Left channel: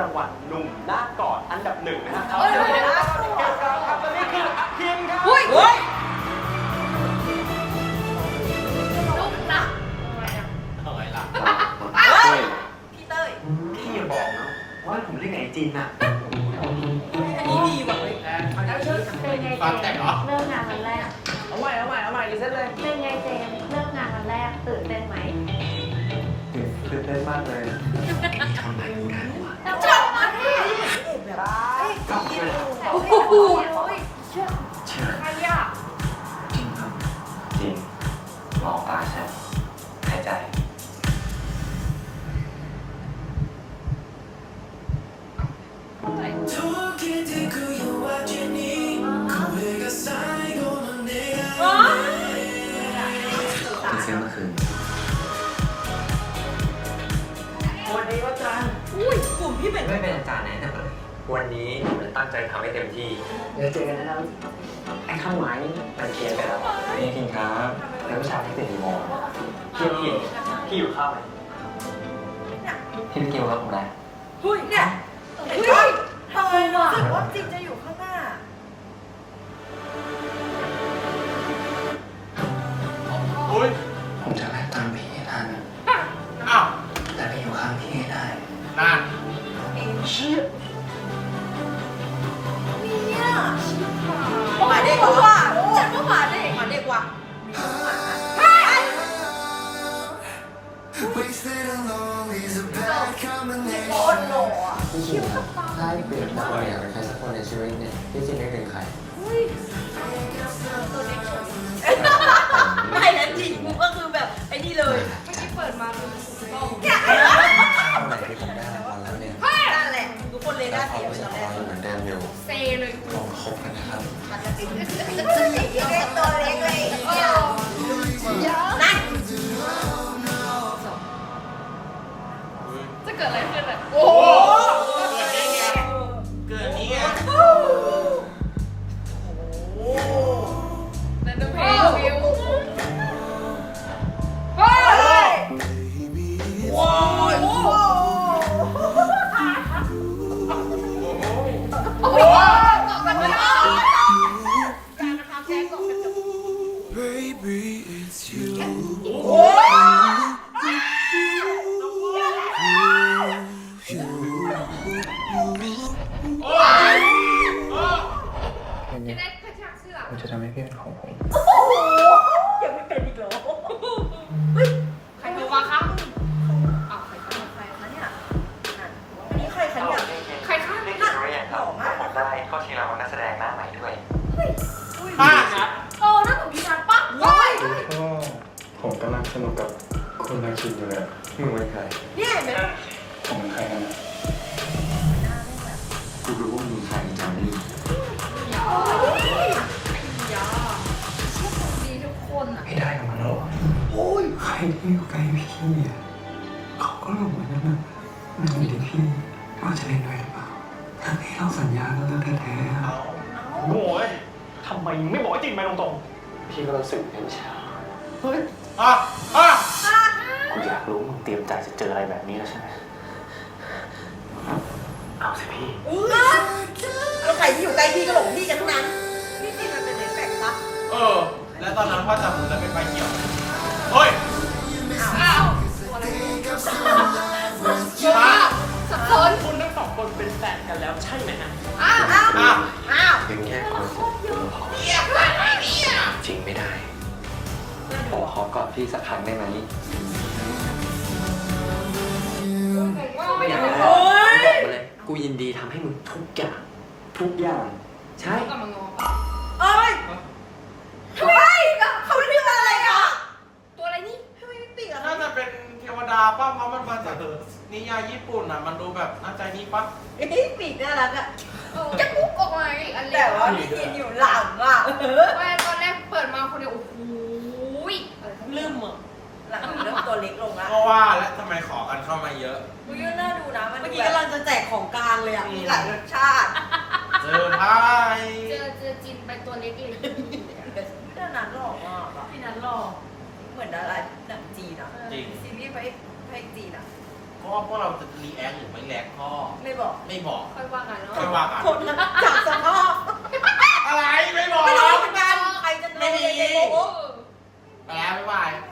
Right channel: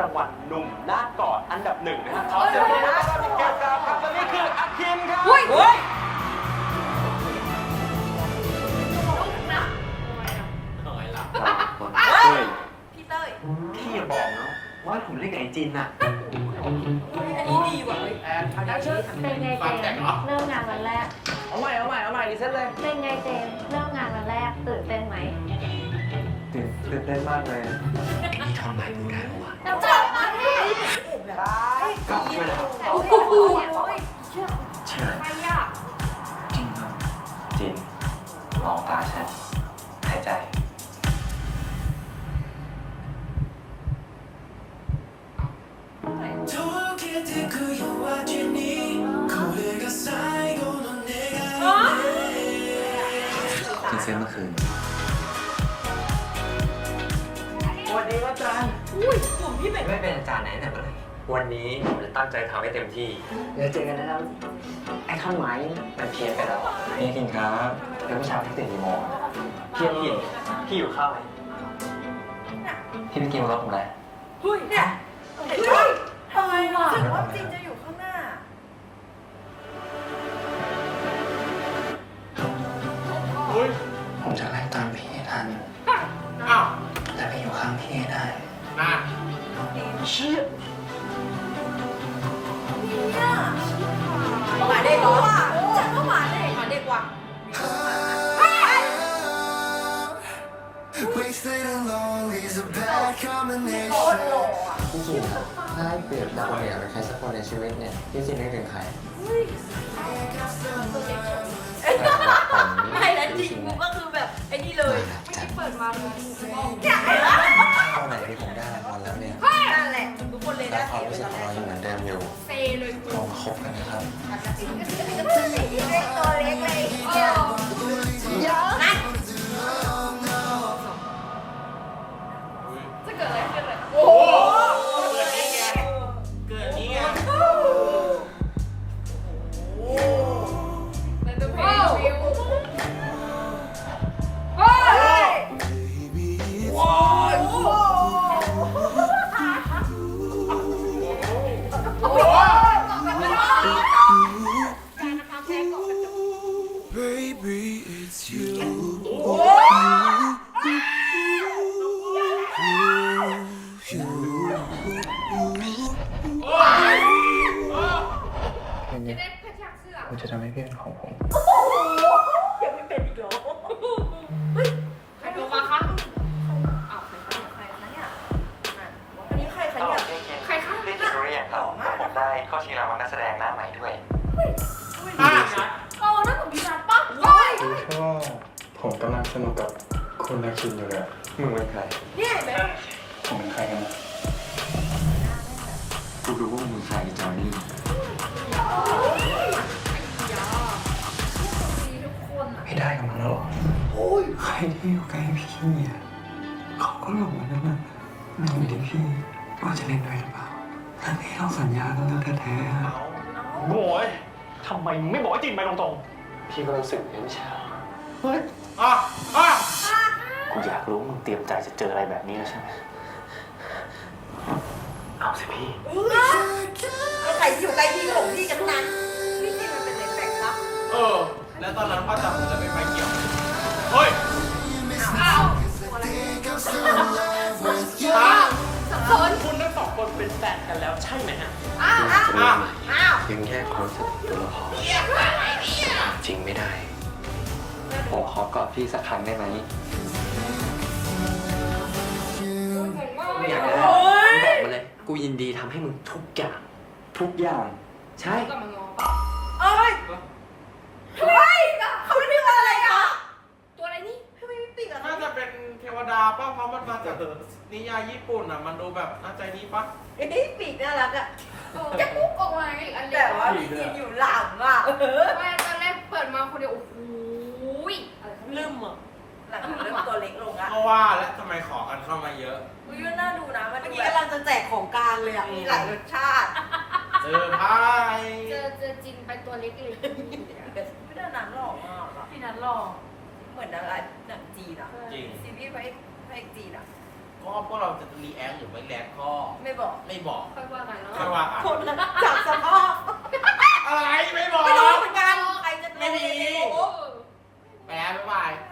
รางวัลหนุ่มหน้ากอดอันดับหนึ่งนะฮะเขาเสียงปรบมือต้อนรับเกลกราฟครับและนี่คืออาคิมครับ อุ้ยเฮ้ยพี่เต้ยพี่อย่าบอกนะว่าผมเล่นกับไอจินน่ะอันนี้ดีว่ะเฮ้ยเป็นไงเจมส์เริ่มงานวันแรก เอาใหม่เอาใหม่เอาใหม่รีเซ็ตเลย เป็นไงเจมส์เริ่มงานวันแรกตื่นเต้นไหมตื่นตื่นเต้นมากเลย วยนะครับโอ้โหชื่ออะไรใครอะจริงครับจริงมองตาฉันหายใจที่เซ็นเมื่อคืน สวัสดีอาจารย์ อุ้ยกลุ่มพี่เป็นไม่เป็นอาจารย์ไหนแต่เมื่อไหร่ วันนี้ผมจะตั้งใจทำให้เต็มที่ เดี๋ยวเจอกันนะครับ ไอ้ท่อนไม้มันเพี้ยนไปแล้วนี่กินครับแล้วเมื่อเช้าพี่ตื่นกี่โมงเพี้ยนผิดพี่อยู่ข้าวไหมพี่ไปกินรถผมแล้วเฮ้ยเนี่ยเฮ้ยทำไมรู้สึกว่าจริงจะอยู่ข้างหน้าผมจะไล่ตามพี่ให้ทัน อ้าวและไปอยู่ข้างพี่ให้ได้นั่นเชี่ยเนี่ย ว่ะ Wasted alone is a bad โค combination. ตรหล่ออะพี่จินครับถ้าให้เปรียบดับอยากเป็นใครสักคนในชีวิตเนี่ยพี่จินนึกถึงใครผมไม่แล้วจริงกูก็คือแบบไอ้นี่เลยจัดเปิดมาคือเนี่ยเห็นไหมเท่าไหร่ที่ผมได้รางวัลแล้วเนี่ยนั่นแหละทุกคนเลยแล้ได้วความเสียรู้สึกไปของเราอยู่เหมือนเดิมอยู่เซเลยลองคบกันนะครับตั เป็นไงเล่นกระชากเสื้อผมจะทำให้พี่เป็นของผม ยังไม่เป็นอีกเหรอใครโทรมาคะอ้าวใครคะใครคะเนี่ยอันนี้ใครคะตลเนี่ยกเก่งใครคะๆได้กินหรือยังครับผมได้เข้าชิงรางวัลนักแสดงหน้าใหม่ด้วย ป้านะเออนั่นของพี่นัทปะเฮ้ยรู้แค่ว่าผมกำลังสนุกกับคุณนาคินอยู่เลยอะมึงเป็นใคร เนี่ยเห็นไหมผมเป็นใม่ได้กับมันแล้วเหรอใครที่อยู่ใกล้พี่อะเขาก็หลงมันนั่นแหละมันอยู่ที่พี่ว่าจะเล่นด้วยหรือเปล่าทั้งที่เราสัญญากันแล้วแท้ๆอะโง่เอ้ยทำไมมึงไม่บอกไอ้จินไปตรงๆ พี่ก็รู้สึกอย่างนั้นไม่ใช่เหรอเฮ้ย อะ อะ กูอยากรู้มึงเตรียมใจจะเจออะไรแบบนี้แล้วใช่ไหม เอาสิพี่แล้วใครที่อยู่ใกล้พี่ก็หลงพี่กันทั้งนั้น พี่จริงมันเป็นเอฟเฟกต์ปะ เออ แล้วตอนนั้นพ่อจับผมจะเป็นไฟเขียว เฮ้ยอ้าว think I'm still alive with you. สับสนคุณทั้งสองคนเป็นแฟนกันแล้วใช่ไหมฮะ อ้าวอ้าวอะอ้าวยังแยกความรู้สึกตัวละครความจริงไม่ได้ ผมขอกอดพี่สักครั้งได้ไหมอยากได้โอ้ยบอกมาเลย กูยินดีทำให้มึงทุกอย่าง ทุกอย่าง ใช่กลับมางอปะ เอ้ยทำไมเขาเรียกว่าอะไรอะ ตัวอะไรนี่ ทำไมไม่ปีกอะ น่าจะเป็นเทวดาป่ะเพราะ มันมาจากนิยายญี่ปุ่นอะ มันดูแบบน่าใจดีป่ะเอ้ยปีกน่ารักอะจะปุ๊บออกมาอีกอันเล็แต่กว่าพี่กินอยู่หลังอะเออไม่ตอนแรกเปิดมาคนเดียวโอ้โหยอะไรครับลืมอะหลังเริ่มตัวเล็กลงละเพราะว่าและทำไมขอกันเข้ามาเยอะ อุ้ยน่าดูนะเมื่อกี้กำลังจะแจกของกลางเลยอะมีหลายรสชาติเจอไพ่เจอเจอจินไปตัวเล็กเลยไม่ได้นานหรอกอะแบบพี่นัทหลอกเหมือนดาราหนังจีนอะจริงซีรีส์พระเอกพระเอกจีนอะ เพราะว่าพวกเราจะรีแอคหรือไม่แลกก็ไม่บอกไม่บอกค่อยว่ากันเนาะไม่ว่ากันคนจับสภาพอะไรไม่บอก ไม่รู้เหมือนกันใครจะโดนไม่มีในโลกเออไปแล้วบ๊ายบายบ